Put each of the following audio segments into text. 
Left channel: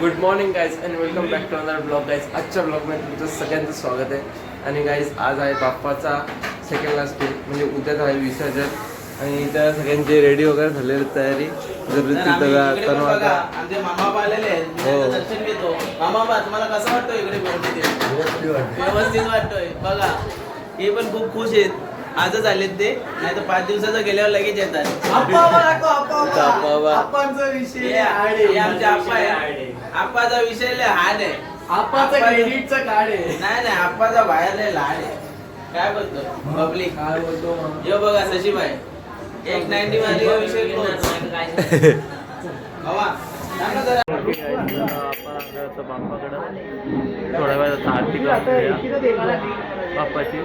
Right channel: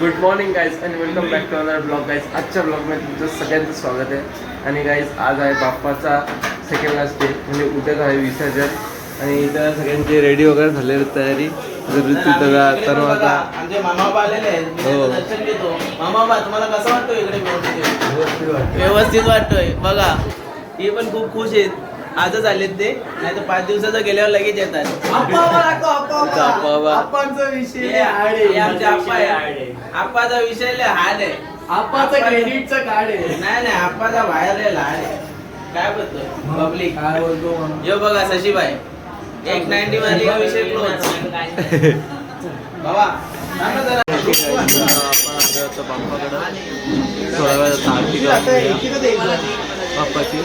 Good morning guys आणि welcome back to another blog guys. आजच्या ब्लॉगमध्ये तुमचं सगळ्यांचं स्वागत आहे. आणि गाईज आज आहे बाप्पाचा सेकंड लास्ट डे, म्हणजे उद्याच आहे विसर्जन. आणि इथं सगळ्यांची रेडी वगैरे झालेली तयारी. जर तिथं तनवाचा आमचे मामा आलेले आहेत. हो. दर्शन घेतो. मामा तुम्हाला कसं वाटतं इकडे व्यवस्थित वाटतोय बघा. हे पण खूप खुश आहेत. आजच आलेत ते, नाही तर 5 दिवसाचं गेल्यावर लगेच येतात. आप्पाचा विषय लय हार्ड आहे. आप्पाचा क्रेडिटचा कार्ड आहे. नाही आप्पाचा बाहेर लय लहान आहे. काय बोलतो पब्लिक? यो बघा शशीबाई 190 वाली विषय क्लोज. बाबा सांगा जरा. आपण बाप्पाकडं थोड्या वेळात आरती बाप्पाची.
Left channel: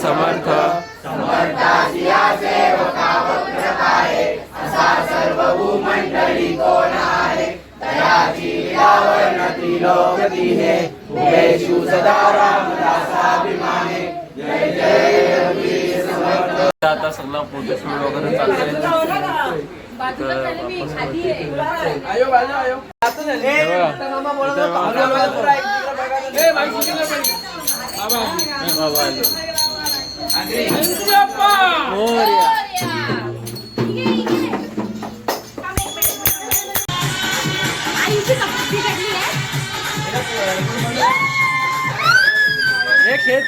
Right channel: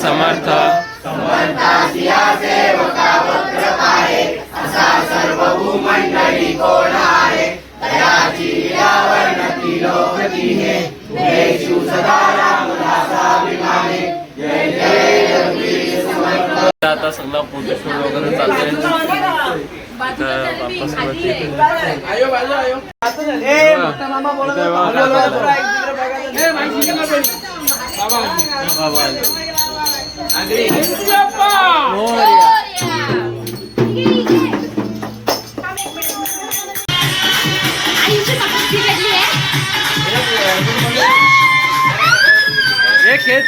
समर्थ असा सर्वभूमंडळी कोण आहे. दयाची लीलावर्णती लोकती हे उभेषु सदा रामदासाभिमाने. जय जय रघुवीर समर्थ. आता सगळा फोटोशूट वगैरे चालतंय. हे खेच.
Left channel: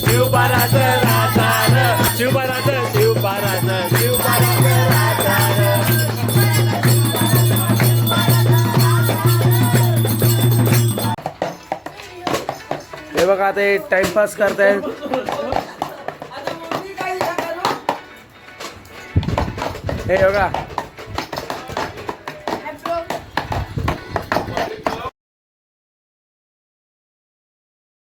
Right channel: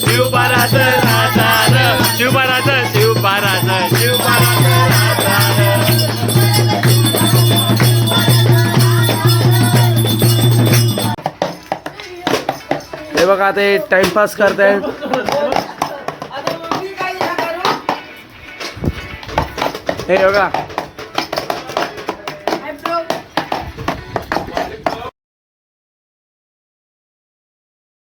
शिवबाराज राजा र शिवबाराज शिवबाराज शिवबाराज राजा र हे बघा ते टाइमपास करतायत. हे बघा